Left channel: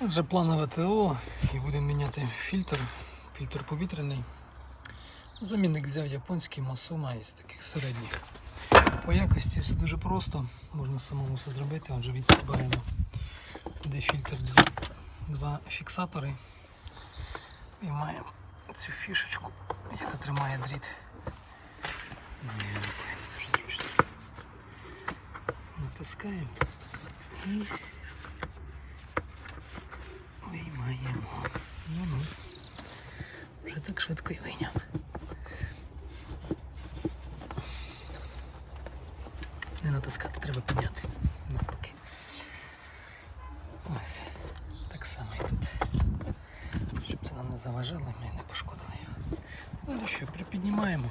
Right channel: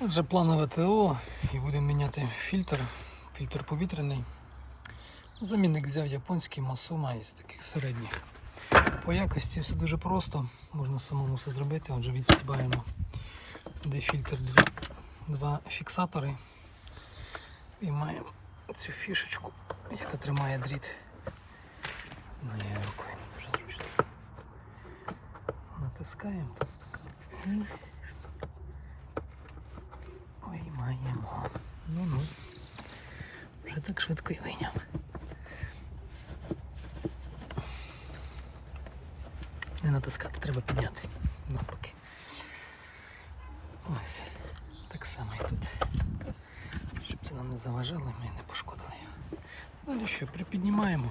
Отже, планове ТО і будемо міняти фільтр, фільтр повітряний. Замінник взяв японський Масума із таких середніх. По якості все дуже просто, можна самому все зробити. Отже, відстібаємо, де фільтр дві, два фіксатори. І маємо цю фішечку, яка тримає дріт. Моєю рукою не дуже зручно. Натискаємо і виймаємо. Ну-ну. Вже так швидко і вийняв. Не натискати, треба підняти. Навпаки. Ось. Так само і тут. Щоб це нам не заважало, ми не пошкодили його. Далі що, припіднімаємо.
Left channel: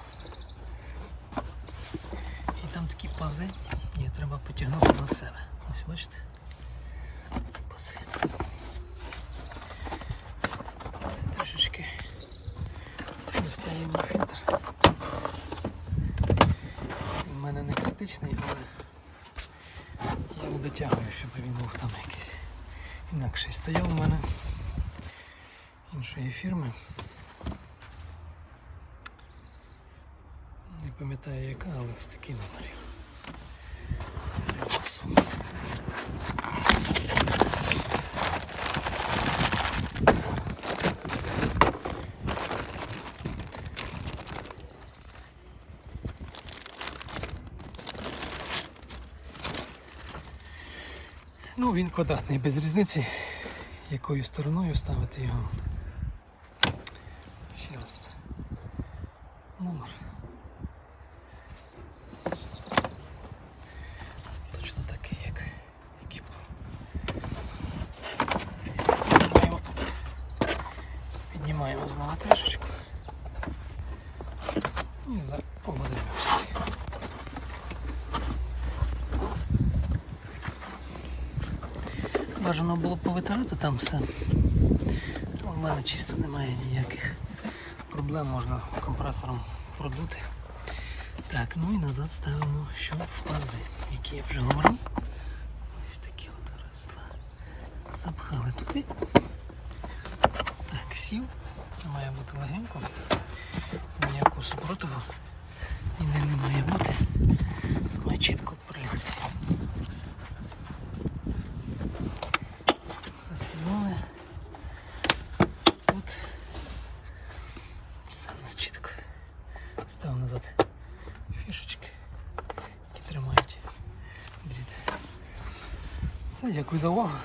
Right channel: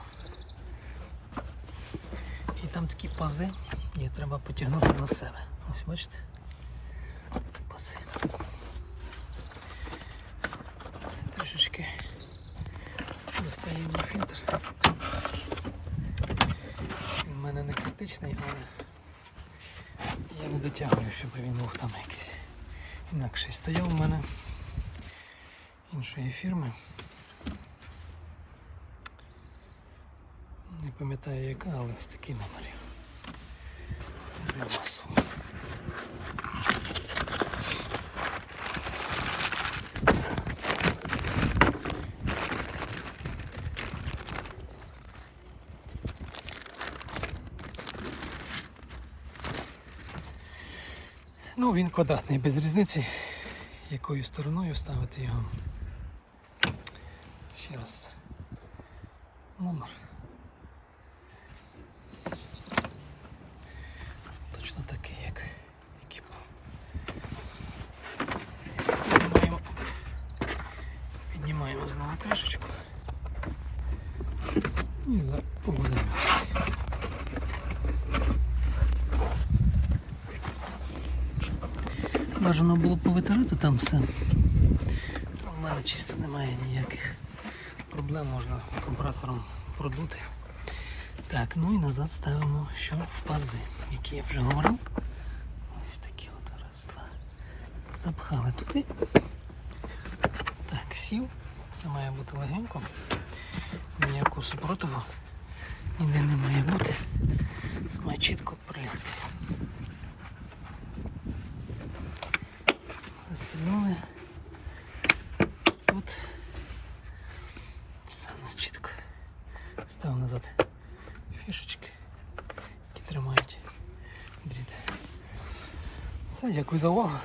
І там такі пази, її треба потягнути на себе. Ось бачите? Пази. Це трішечки достаємо фільтр. Він критичний, але я не дотягую, щоб він був там якийсь інакший. Стояв у мене іншої фірми. Не пам'ятаю яка, але ось такий номер. Візьмемо масу. Ну, він квадратний, без різниці, якою стороною ставити його. Ще раз. Номер. Точно такий, як, як і був. Піднімаємо, піднімаємо знову кришечку. І за поводимо. Бажано було повитирати там все. У мене чисто немає ніяких проблем, можна компресором продути. Так, ну і назад ставимо що в пази, які я вже говорив. Ось такі от раз, два. Запхали туди. Так, сів. Це має бути легенько. Ніякого супротиву ніде не має бути. Це має чітко прилягти. Застігнули. Тут все у нас чітко. Став назад фішечки, які тримають дріт. Все, дякую за увагу.